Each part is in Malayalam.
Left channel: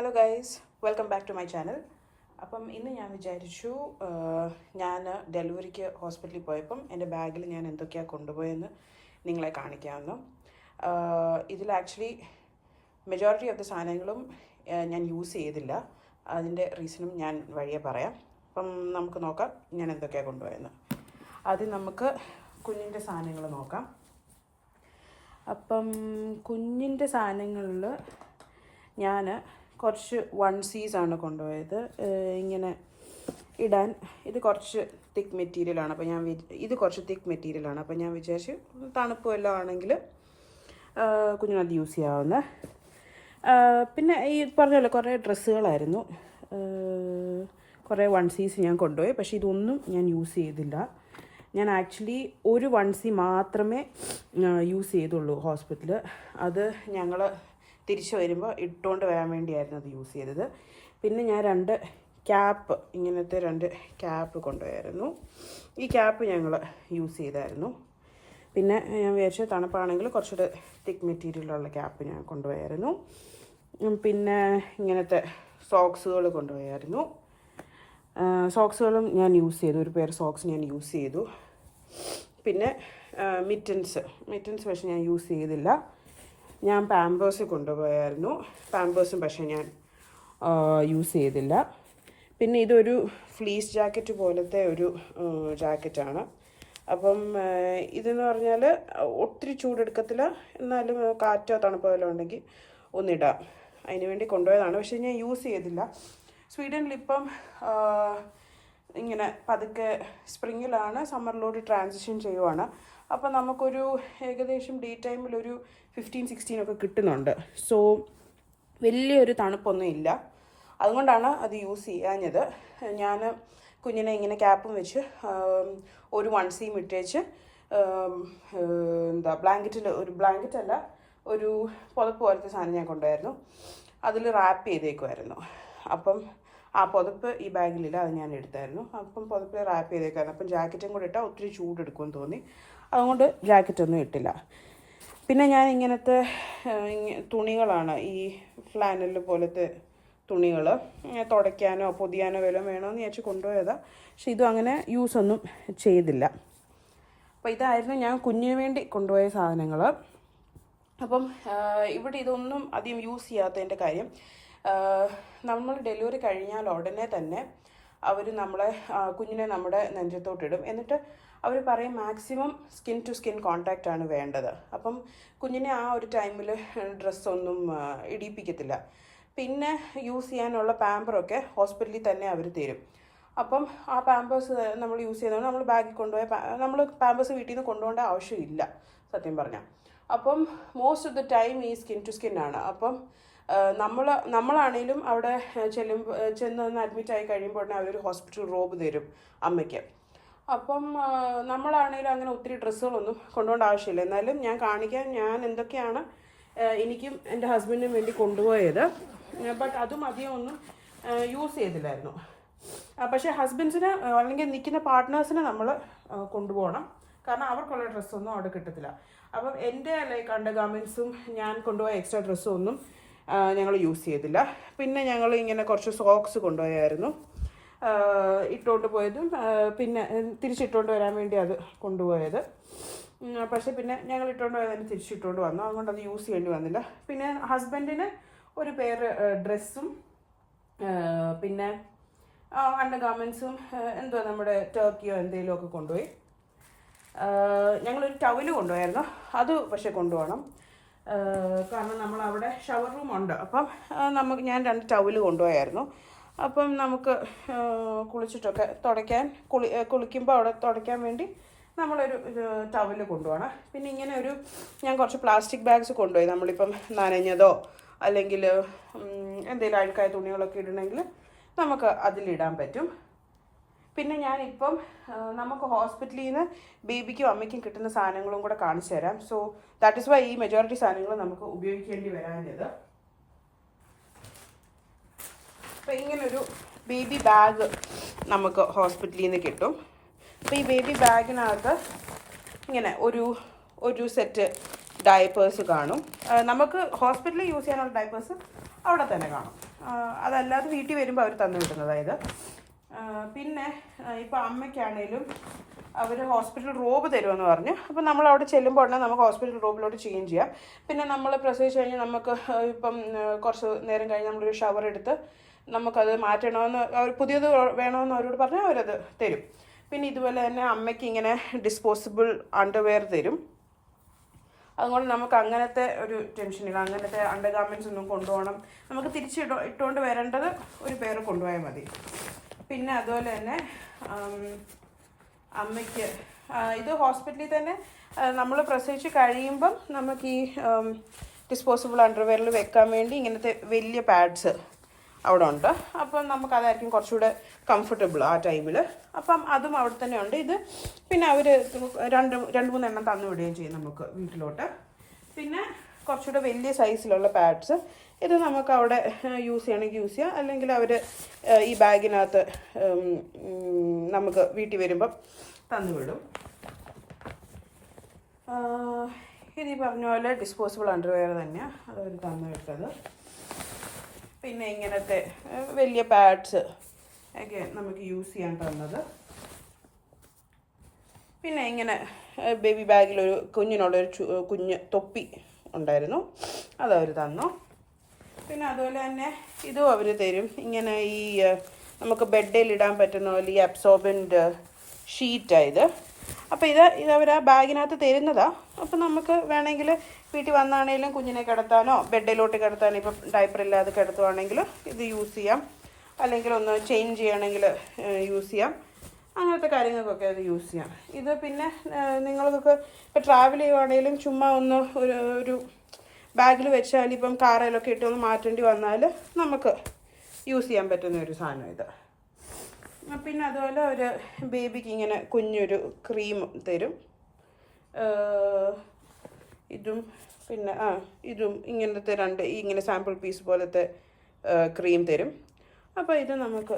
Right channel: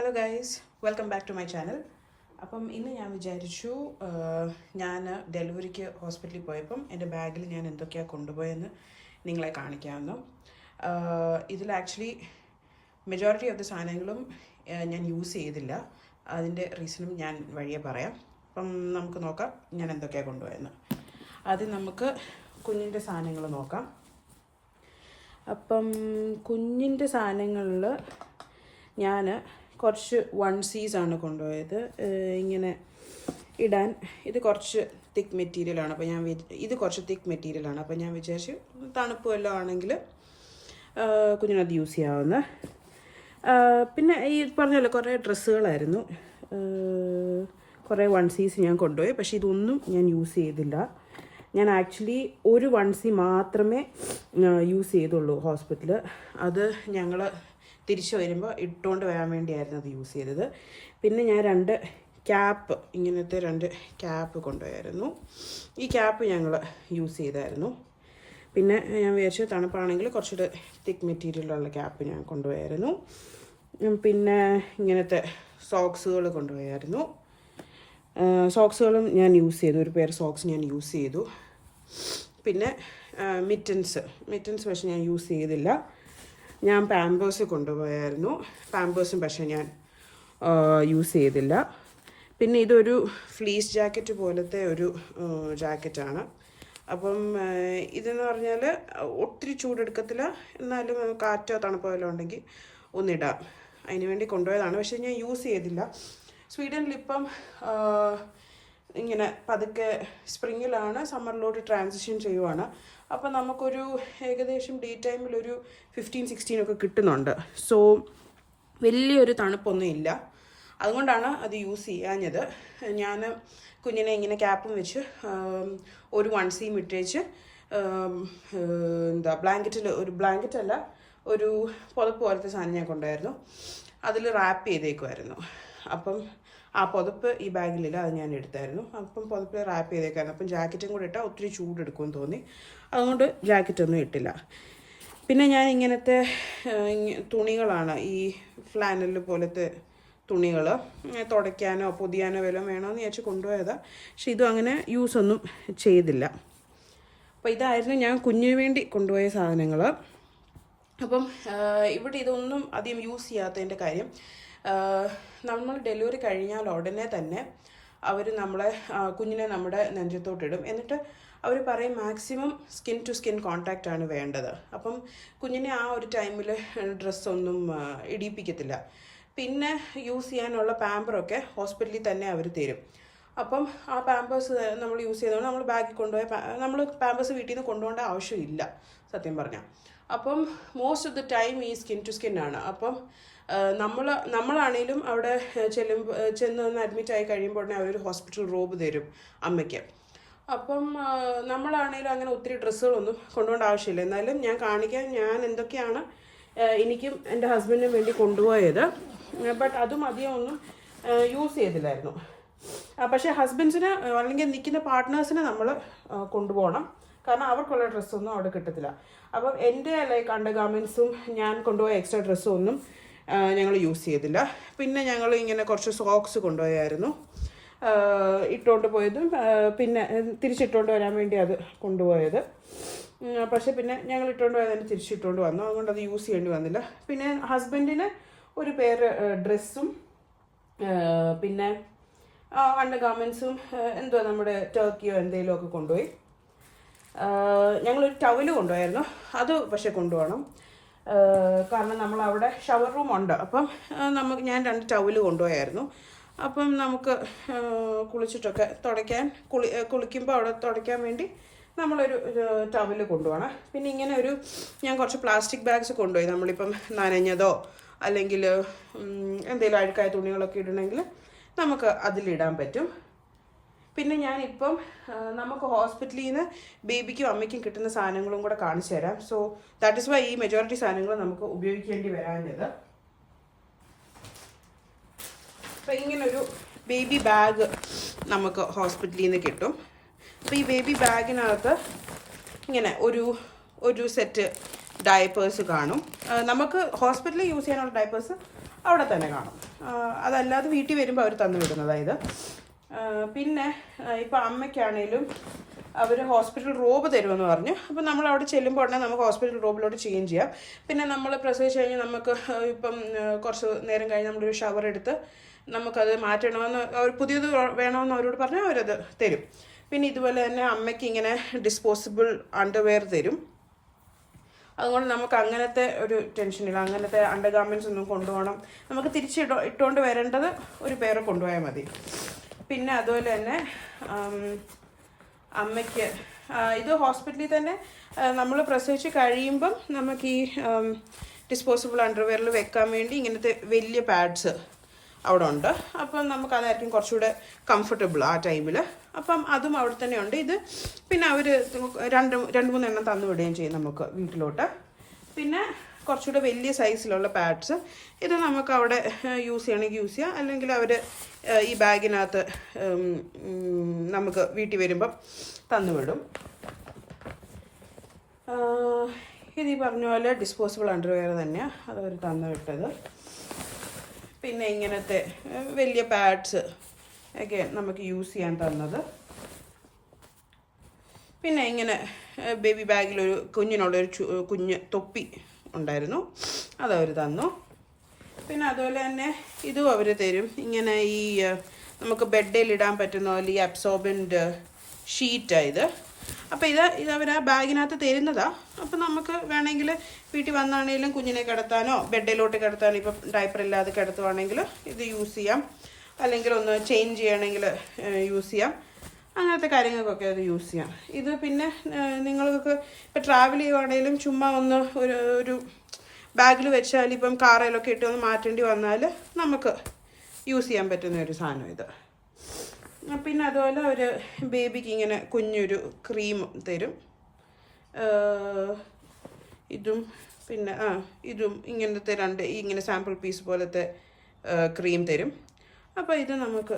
Hello guys, welcome back to my channel. അപ്പം ഇന്ന് ഞാൻ വിചാരിച്ചു ഞാൻ ഡെലിവറിക്ക് ഹോസ്പിറ്റലിൽ പോയപ്പം എൻ്റെ ബാഗിൽ ഞാൻ എന്തൊക്കെയാണ് കൊണ്ടുപോയെന്ന് നിങ്ങളെ കാണിക്കാമെന്ന്. ഇതിൽ ആക്ച്വലി മെജോറിറ്റി ഓഫ് ദ സാധനങ്ങളും ഞാൻ യൂസ് ചെയ്തില്ല. അതിൻ്റെ റീസണും ഞാൻ വഴിയെ പറയാം. അപ്പം നമുക്ക് നോക്കാം ഞാൻ എന്തൊക്കെയാണ് കൊണ്ടുപോയെന്ന്. ആദ്യം നമുക്ക് കുഞ്ഞിൻ്റെ സാധനങ്ങൾ നോക്കാം. അപ്പം കുഞ്ഞിൻ്റെ സാധനങ്ങളിൽ ഞാൻ കുറച്ച് വൺസീസാണ് കൊണ്ടുപോയത്. ഇങ്ങനെ ഇടാൻ ഇത് കുറച്ച് തിക്ക് മെറ്റീരിയലാണ്. അപ്പോൾ ഇത് കുറച്ച് തിക്ക് മെറ്റീരിയലാണ്. അപ്പോൾ ഞാൻ വിചാരിച്ച് തണുപ്പ് വല്ലതും ആണെങ്കിൽ കുഞ്ഞിനത് യൂസ് ചെയ്യാവുന്ന. പിന്നെ ഈ പറഞ്ഞല്ലോ കുറേ ഡ്രസ്സുകളായിരുന്നു. കുറേ വൺസീസ് ഞാൻ കൊണ്ടുപോയി. പക്ഷേ ഇതൊന്നും ഞാൻ യൂസ് ചെയ്തില്ല. ഞാൻ ആക്ച്വലി ഒരു വൺസി മാത്രമേ യൂസ് ചെയ്തുള്ളൂ ഹോസ്പിറ്റലിൽ. അത് ഞങ്ങൾ തിരിച്ചു വരുമ്പോൾ ഇട്ടുകൊണ്ട് വരാൻ വേണ്ടിയായിരുന്നു അത് യൂസ് ചെയ്തത്. പിന്നെ ഞാൻ ഇങ്ങനത്തെ രണ്ട് ക്യാപ്പ് കൊണ്ടുപോയായിരുന്നു. ഈ ക്യാപ്പ് ഞങ്ങൾ യൂസ് ചെയ്തായിരുന്നു. പിന്നെ ഞാൻ വിചാരിച്ചു തണുപ്പാണെങ്കിൽ കുറച്ചുകൂടെ തിക്ക് മെറ്റീരിയലുള്ള ക്യാപ്പ് ഞാൻ കൊണ്ടുപോയായിരുന്നു. പിന്നെ ഇങ്ങനത്തെ സോക്സുകൾ കൊണ്ടുപോയായിരുന്നു. സോക്സുകളും ഞാൻ യൂസ് ചെയ്തു. ഒരു പെയർ സോക്സ് ഞാൻ യൂസ് ചെയ്തു. പിന്നെ മിറ്റൻസ് പക്ഷേ ഞാൻ യൂസ് ചെയ്തില്ല. ഞാൻ പാമ്പേഴ്സ് കൊണ്ടുപോയായിരുന്നു. പാമ്പേഴ്സും പക്ഷേ ഞാൻ യൂസ് ചെയ്തില്ല. പിന്നെ ഇതൊരു ഫ്ലീസ് ജാക്കറ്റ് പോലത്തെ ഒരു ജാക്കറ്റാണ്. അപ്പം ഇതെന്ന് പറഞ്ഞാൽ ഒത്തിരി ചൂടെടുക്കത്തില്ല, എന്നാലും കാറ്റോ തണുപ്പോ വല്ലതും ഉണ്ടെങ്കിൽ ഒന്നിടാം. അതിന് വേണ്ടി കൊണ്ടുപോയതാണ്. പക്ഷേ ഞാൻ യൂസ് ചെയ്തില്ല. സ്വീഡനിലിപ്പം ഇങ്ങനെ പതുക്കെ സ്പ്രിങ്ങിലാണ്, സമ്മറിലോട്ട് ട്രാൻസിഷൻ ചെയ്യുവാണ്. അപ്പോൾ നമുക്കൊരു ഏകദേശം ഡേ ടൈമിലൊരു 15-16 ഒക്കെ കിട്ടുന്നുണ്ട്. സോ വലിയൊരു തണുപ്പൊന്നും ഇല്ല. അതുകൊണ്ടാണ് അത് യൂസ് ചെയ്യാഞ്ഞത്. ഞാൻ കുഞ്ഞിനെ ഇങ്ങനെ ക്യാപ്പും വെച്ച് ഒരു വൺസിയും ഇട്ടേച്ച് ബ്ലാങ്കറ്റല്ല, ഒരു പുതപ്പ് പോലത്തെ സാധനം ഞാൻ കൊണ്ടുപോയിരുന്നു. അതിൽ റാപ്പ് ചെയ്തേക്കുമായിരുന്നു. അപ്പം ആ പുതപ്പ് ഈ ബാഗിലില്ല, അത് ഞാൻ എടുത്തായിരുന്നു. അപ്പം പുതപ്പിൽ റാപ്പ് ചെയ്തേക്കായിരുന്നു. അപ്പം ജാക്കറ്റും കൂടെ ഇട്ടാൽ ഒത്തിരി ചൂടെടുക്കുമെന്ന് തോന്നി. അതുകൊണ്ട് ജാക്കറ്റൊന്നും ഇട്ടില്ല. പിന്നെ ഞാൻ ഇങ്ങനത്തെ തുണികളാണ്, ഈ ഫ്ലാനൽ പോലത്തെ തുണികൾ തുടയ്ക്കാനോ പൊതിയാനോ വല്ലതും വേണമെന്ന് വിചാരിച്ച് കൊണ്ടുപോയതാണ്. പക്ഷെ ഇതും അങ്ങനെ യൂസൊന്നും ചെയ്തില്ല. അപ്പോൾ ഇതായിരുന്നു ഞാൻ കുഞ്ഞിന് വേണ്ടി കൊണ്ടുപോയ സാധനങ്ങൾ. അപ്പം ഇവിടെ ഇതൊന്നും അധികം യൂസ് ചെയ്യാത്തതിൻ്റെ കാര്യം, നമ്മൾ ഡെലിവറി കഴിഞ്ഞാൽ ഉടനെ തന്നെ അവർ കുഞ്ഞിനെ നമ്മുടെ നെഞ്ചത്തോട്ടിടും. എന്നിട്ട് അവർ പറയും maximum skin to skin contact ആണ് വേണ്ടത്. അപ്പം കുഞ്ഞിനെ ആ ഒരു ടൈമിൽ ഡ്രസ്സൊന്നും ഇടിയിപ്പിക്കത്തില്ല. പിന്നെ യൂസ് ചെയ്യാനുള്ള പാമ്പറൊക്കെ ഹോസ്പിറ്റലിൽ തന്നെ അവർ തരും. അപ്പം ആ പാമ്പേഴ്സ് നമ്മൾ യൂസ് ചെയ്തുകൊണ്ട് നമ്മൾ ബാഗിൽ നമ്മൾ പാമ്പേഴ്സ് വീട്ടിൽ നിന്ന് കൊണ്ടുപോകേണ്ട ആവശ്യമില്ല സത്യം പറഞ്ഞാൽ. അപ്പം മോസ്റ്റ് ഓഫ് ദി ടൈം ഈ സ്കിൻ ടു സ്കിൻ ആണ്. അപ്പം നമ്മളാണേലും അവിടെ ചെന്ന് അഡ്മിറ്റ് ആയി കഴിയുമ്പോൾ ഉടനെ അവരൊരു ഹോസ്പിറ്റൽ റോബ് തരും അമ്മയ്ക്ക്. അപ്പം നമ്മളാണേലും അങ്ങനെ ഒത്തിരി ഡ്രസ്സുകളൊന്നും കൊണ്ടുപോകേണ്ട ആവശ്യമില്ല. എന്നാലും ഞാൻ എന്തൊക്കെയാണ് എനിക്കും എൻ്റെ ഹസ്ബൻഡിനും വേണ്ടി കൊണ്ടുപോയത്. ബട്ട് അതും അധികം ഒന്നും യൂസ് ചെയ്തില്ലായിരുന്നു. പക്ഷേ ഹസ്ബൻഡ്സിന് അല്ലെങ്കിൽ നിൽക്കുന്ന പാർട്ട്നേഴ്സിനെ നമ്മൾ കൊണ്ടുപോകണം. കാരണം അവർക്കുള്ള ഡ്രസ്സൊന്നും അവിടെ കിട്ടത്തില്ല. അപ്പം എൻ്റെ അണ്ടർ ഗാർമെൻറ്റ്സും ഞാൻ കൊണ്ടുപോയ എക്സ്ട്രാ ഡ്രസ്സും ഒന്നും ഞങ്ങൾ യൂസ് ചെയ്തില്ല. പിന്നെ ഞങ്ങൾ ഇങ്ങനെ കുറച്ച് സോക്സ് കൊണ്ടുപോയായിരുന്നു ഇട്ടുകൊണ്ട് പോയതും. പിന്നെ തിരിച്ചിട്ടുകൊണ്ട് വരാൻ വേണ്ടി അത് കൊണ്ടുപോയത്. പക്ഷേ പിന്നെ ഞങ്ങൾ ഇട്ടുകൊണ്ട് പോയതിന് തിരിച്ചിട്ടുകൊണ്ട് വന്നു. അതുകൊണ്ട് അത് യൂസ് ചെയ്യേണ്ടി വന്നില്ല. പിന്നെ ഹസ്ബൻഡിന് ഒരു പെയർ ഡ്രസ്സും പിന്നെ അണ്ടർ ഗാർമെൻറ്റ്സും നമ്മുടെ ടർക്കിയോ എന്തെങ്കിലും ഒക്കെ കൊണ്ടുപോയി. ഞങ്ങളൊരു ടവല് കൊണ്ടുപോയായിരുന്നു. അത് പക്ഷേ കൊണ്ടുപോകണം. കാരണം നമ്മളവിടെ ഷവർ റൂം ഉണ്ട്. അപ്പം ഞാൻ 2 ടവല് കൊണ്ടുപോയായിരുന്നു. അപ്പം നമുക്ക് കുളിച്ചിട്ടൊക്കെ കുളിക്കുമ്പോൾ അവിടെ തുടയ്ക്കാൻ വേണ്ടി നമ്മളൊരു ടവല് കൊണ്ടുപോകണം. പിന്നെ ഇങ്ങനെ ഞാൻ കുറച്ച് പ്ലാസ്റ്റിക് ബാഗ്സ് കൊണ്ടുപോയി. നമ്മളിപ്പം നനഞ്ഞതോ അല്ലെങ്കിൽ എന്തെങ്കിലും അഴുക്കായ തുണികളൊക്കെ ഇടണമെങ്കിൽ നമുക്ക് അതിലിടാൻ പറ്റും. പിന്നെ ഞാനിപ്പം നമുക്ക് ഹോസ്പിറ്റലിൽ നിന്ന് ബേബിക്കും അമ്മയ്ക്കും കിട്ടുന്ന സാധനങ്ങളും കൂടെ കാണിച്ചു തരാം. സോ ദാറ്റ് ഇസ് വൈ ഈ മെജോറിറ്റി സാധനങ്ങൾ നമുക്ക് ഉപയോഗിക്കേണ്ടി വരാഞ്ഞത്. അപ്പോൾ ഇങ്ങനൊരു ബേബി ബാഗ് നമുക്ക് ഹോസ്പിറ്റലിൽ നിന്ന് കിട്ടും. അപ്പോൾ ഈ ബേബി ബാഗിനകത്ത് ഇങ്ങനെ ഒരു സെറ്റ് ഡയപ്പേഴ്സ് കാണും. നമുക്ക് ഹോസ്പിറ്റലിൽ യൂസ് ചെയ്യാനുള്ള ഡയപ്പേഴ്സ് അവിടെ തന്നെ കാണും. അതല്ലാതെ വീട്ടിൽ വരുമ്പോൾ അവർ തന്നു വിടുന്നതായത്. പിന്നെ ഇപ്പോൾ അമ്മയ്ക്കാണേലും അവർ ഹോസ്പിറ്റൽ റോബ് തരുമെന്ന് പറഞ്ഞു. അപ്പോൾ നമ്മൾ അവിടെ ചെല്ലുമ്പോൾ ഉടനെ നമുക്ക് ഹോസ്പിറ്റൽ റോബിലോട്ട് ചേഞ്ച് ചെയ്യാം. പിന്നെ നമ്മൾ പ്രസവിച്ച് കഴിഞ്ഞാൽ നമുക്ക് ഇപ്പം കുറച്ച് നേരം കഴിഞ്ഞ് നമ്മളൊരു ഷവർ എടുത്ത് നമുക്കത് മാറ്റണമെന്ന് പുതിയത് വേണമെന്ന് അവരോട് പറഞ്ഞാൽ അവരത് തരും. പിന്നെ ഇതുപോലെ തന്നെ അമ്മയ്ക്ക് ഇങ്ങനെ ഡിസ്പോസിബിൾ അണ്ടർവെയർ തരും. അതുകൊണ്ട് നമുക്ക് അങ്ങനത്തെ ഒരു ടെൻഷനില്ല. അങ്ങനത്തെ അണ്ടർ ഗാർമെൻറ്റ്സ് ഒന്നും കൊണ്ടുപോകണം, നമുക്ക് ഇട്ടുകൊണ്ട് വരേണ്ടത് ഒരു പേര് കൊണ്ടുപോയാൽ മതി. പിന്നെ അതുപോലെ തന്നെ അമ്മയ്ക്ക് ഇത് ഹോസ്പിറ്റലിൽ തന്നെ നമ്മൾ പ്രസവിച്ച് കഴിയുമ്പം നമുക്ക് ഈ ഡിസ്പോസിബിൾ അണ്ടർവെയറിൽ വെക്കാൻ വേണ്ടി ഇങ്ങനത്തെ വലിയ പാഡ്സ് അവിടെ ഉണ്ട്. അപ്പം നമുക്കതായിരിക്കും കുറച്ചുകൂടെ കംഫർട്ടബിൾ ആ ടൈമിൽ. അപ്പം അതും അവിടെ തന്നെ ഉണ്ട്. ഇത് പിന്നെ അവർ രണ്ട് മൂന്നെണ്ണം തന്നു വിടുകയും ചെയ്യും നമുക്ക് വീട്ടിലോട്ട്. പിന്നെ കുറച്ചുകൂടെ വലിയ സൈസിലുള്ള പാഡ്സ്, ഇത് നമുക്ക് അവിടെ യൂസ് ചെയ്യണമെങ്കിൽ യൂസ് ചെയ്യാം, അല്ലെങ്കിൽ അവർ ഈ ബാഗിനകത്ത് നമുക്ക് വീട്ടിൽ വരുമ്പം തന്നുവിടും. ഇത് ഈ പറഞ്ഞ പോലെ ഡിസ്പോസിബിൾ അണ്ടർവെയർ തന്നെയാണ് അതവർ തന്നു വിട്ടത്. പിന്നെ ഇങ്ങനത്തെ വലിയ പാഡ്സ് ഒക്കെ നമുക്ക് യൂസ് ചെയ്യാൻ തന്നത്. പിന്നെ ഇങ്ങനെ ബേബി ബാഗിലൊരു കുഞ്ഞിനുള്ളൊരു കുഞ്ഞ് തൊപ്പി ഉണ്ടായിരുന്നു, അതവർ തന്നു. പിന്നെ അതുപോലെ തന്നെ ഇതും അവർ തരും. ഇങ്ങനെ ഈ നമുക്ക് ബെഡിൽ ഇടാൻ പറ്റുന്ന പോലെ ഈ അബ്സോർബൻ്റ് ഷീറ്റായത്. അപ്പോൾ ഇത് അവർ ആ ബാഗിനകത്ത് തരുന്നതാണ്. അപ്പോൾ നമുക്ക് വേണമെങ്കിൽ വീട്ടിൽ വന്നാണെങ്കിലും കുഞ്ഞിനെ കിടത്താനോ ബെഡിലോട്ട് കിടത്താനോ, ഇപ്പം ഡയപ്പർ ഇല്ലാതെ കിടത്തുവാണെങ്കിൽ ഇത് യൂസ് ചെയ്യാം, അല്ലെങ്കിൽ ഒന്ന് ചേഞ്ച് ചെയ്യണമെങ്കിൽ യൂസ് ചെയ്യാം. അങ്ങനത്തെ കാര്യങ്ങൾക്കൊക്കെ അത് യൂസ് ചെയ്യാം. ഇത് പിന്നെ നിങ്ങൾക്കൊക്കെ ഇപ്പോൾ ട്രാവൽ ചെയ്യുവാണെങ്കിലും ചുമ്മാ ഒന്ന് ഒരു ബാഗിൽ വെച്ചാൽ ഇപ്പം കാറിലൊക്കെ ഇട്ട് ഒന്ന് മാറ്റേണ്ടി വന്നാൽ നമുക്ക് യൂസ് ചെയ്യാൻ പറ്റുന്ന ഒരു സാധനം ഇത്. പിന്നെ അതുപോലെ ഒരു ബേബിക്ക് ഇങ്ങനെ കുഞ്ഞൊരു ക്രീം തരും. ഇതും പിന്നെ ഇതും ഇങ്ങനത്തെ ഇങ്ങനെ സാമ്പിൾ പീസ് പോലത്തെ ക്രീം തരും. അപ്പോൾ ഇത് നമുക്ക്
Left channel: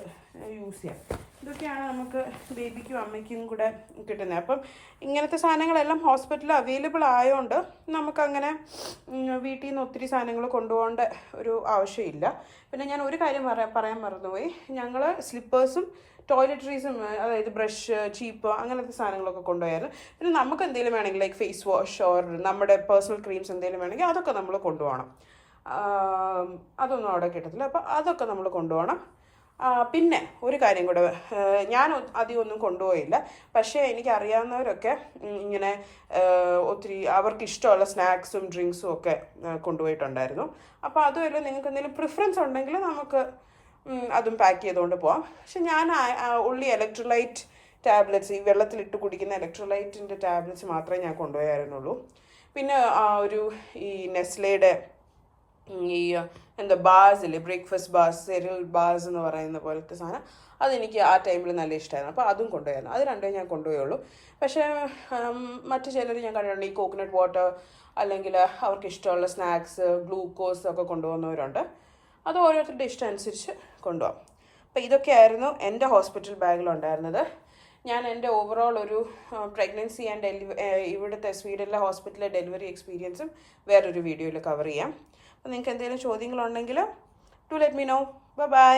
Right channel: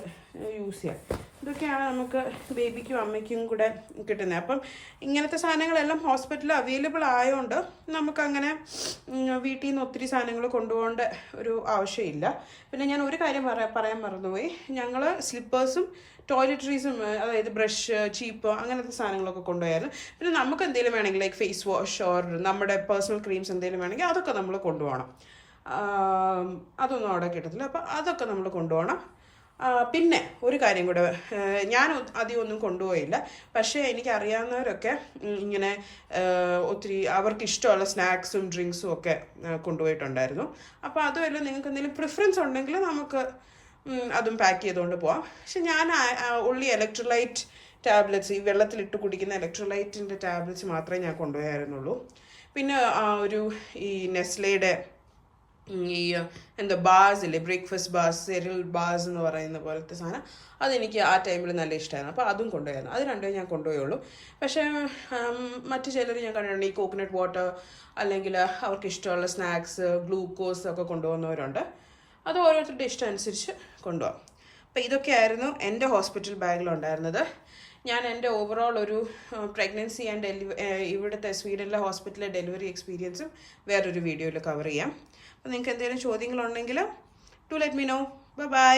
യൂസ് ചെയ്യാം. ഇതൊക്കെയാണ് നമുക്ക് ബേബിക്കും അമ്മയ്ക്കും കൂടെ കിട്ടുന്നത്. അപ്പം ഇങ്ങനത്തെ സാധനങ്ങളെല്ലാം ഹോസ്പിറ്റലിൽ അവൈലബിൾ ആയതുകൊണ്ട് നമുക്കങ്ങനെ വീട്ടിൽ നിന്ന് ഒത്തിരി സാധനങ്ങൾ കൊണ്ടുപോകേണ്ട ഒരു ആവശ്യമില്ല. പിന്നെ ഞാൻ ഒരു കാര്യം പറയാൻ മറന്നുപോയി. ഞങ്ങൾ സ്ലിപ്പേഴ്സും ടോയ്ലറ്ററീസും, അതായത് ബ്രഷ്, ചീപ്പ്, അങ്ങനത്തെ സാധനങ്ങളൊക്കെ കൊണ്ടുപോയായിരുന്നു. പിന്നെ നമുക്ക് എന്തെങ്കിലും വേണമെങ്കിൽ ലൈക്ക് ഫേസ് വാഷ് ഓർ നമ്മുടെ പേഴ്സണൽ ക്രീംസ് എന്തെങ്കിലും വേണമെങ്കിൽ അതൊക്കെ നമ്മൾ കൊണ്ടുപോകണം. അതൊന്നും അവിടെ കിട്ടത്തില്ല. അപ്പോൾ അതൊക്കെ നമ്മൾ കൊണ്ടുപോകണം. പിന്നെ ഒരു കാര്യം കൂടെ, ഞാൻ അധികം ഒന്നും കൊണ്ടുപോയില്ല, പക്ഷേ എനിക്കറിയാവുന്നവരൊക്കെ ഇങ്ങനെ ഒത്തിരി അവർക്ക് ഇഷ്ടമുള്ള സ്നാക്സും ഡ്രിങ്ക്സും ഒക്കെ കൊണ്ടുപോയിട്ടുണ്ടായിരുന്നു. അപ്പോൾ അതുമല്ല, നിങ്ങൾക്ക് എന്തെങ്കിലും പ്രിഫറൻസ് ഉണ്ടെങ്കിൽ നമുക്ക് അതും പാക്ക് ചെയ്തുകൊണ്ട് പോവാം. പക്ഷെ ഞാൻ ഉള്ളി ഇലക്ട്രോലൈറ്റ് ടാബ്ലറ്റ്സ്, ഈ വെള്ളത്തിലിട്ട് കുടിക്കുന്ന ഇലക്ട്രോലൈറ്റിൻ്റെ ടാബ്ലറ്റ്സ് മാത്രമേ ഞാൻ കൊണ്ടുപോയായിരുന്നുള്ളൂ. പിന്നെ ഈ നെസ്ലയുടെ ഈ എന്താ ബാസ് ഇല്ലേ, ബ്രേക്ക്ഫാസ്റ്റ് ബാസ്, സെറിയൽ ബാസ് എന്ന് പറയുന്ന പോലത്തെ സാധനം, അതെനിക്ക് ആ ടൈമിൽ നല്ല ഇഷ്ടമായിരുന്നു. അപ്പോൾ അതും കൊണ്ടുപോയിരുന്നു. അത് രണ്ടും ഞാൻ കൊണ്ടുപോയുള്ളൂ. പക്ഷേ മറ്റു ചിലർ ഞാൻ കണ്ടിട്ടുണ്ട് ഈ കോക്കനട്ട് വാട്ടർ അല്ലെങ്കിൽ അവർക്ക് ഇഷ്ടമുള്ള സ്നാക്സ്, ഗ്ലൂക്കോസ് ഒക്കെ കൊണ്ടുപോകുന്നവരുണ്ട്. അത് ഓരോരുത്തരുടെ ഇഷ്ടം അനുസരിച്ച് കൊണ്ടുപോകാം. അപ്പോൾ ഇതൊക്കെയായിരുന്നു എൻ്റെ ഹോസ്പിറ്റൽ ബാഗിലുണ്ടായിരുന്നത്. ഞാൻ എൻ്റെ ഓവറോൾ ഒരു പ്രഗ്നൻസി ആൻഡ് ഇവിടുത്തെ സ്വീഡനിലെ ഹോസ്പിറ്റലിലെ ഡെലിവറി എക്സ്പീരിയൻസും വേറൊരു വീഡിയോയിൽ കവർ ചെയ്യാം. അപ്പോൾ നിങ്ങൾക്ക് എന്തെങ്കിലും ചോദ്യങ്ങളുണ്ടെങ്കിൽ to let me know. By.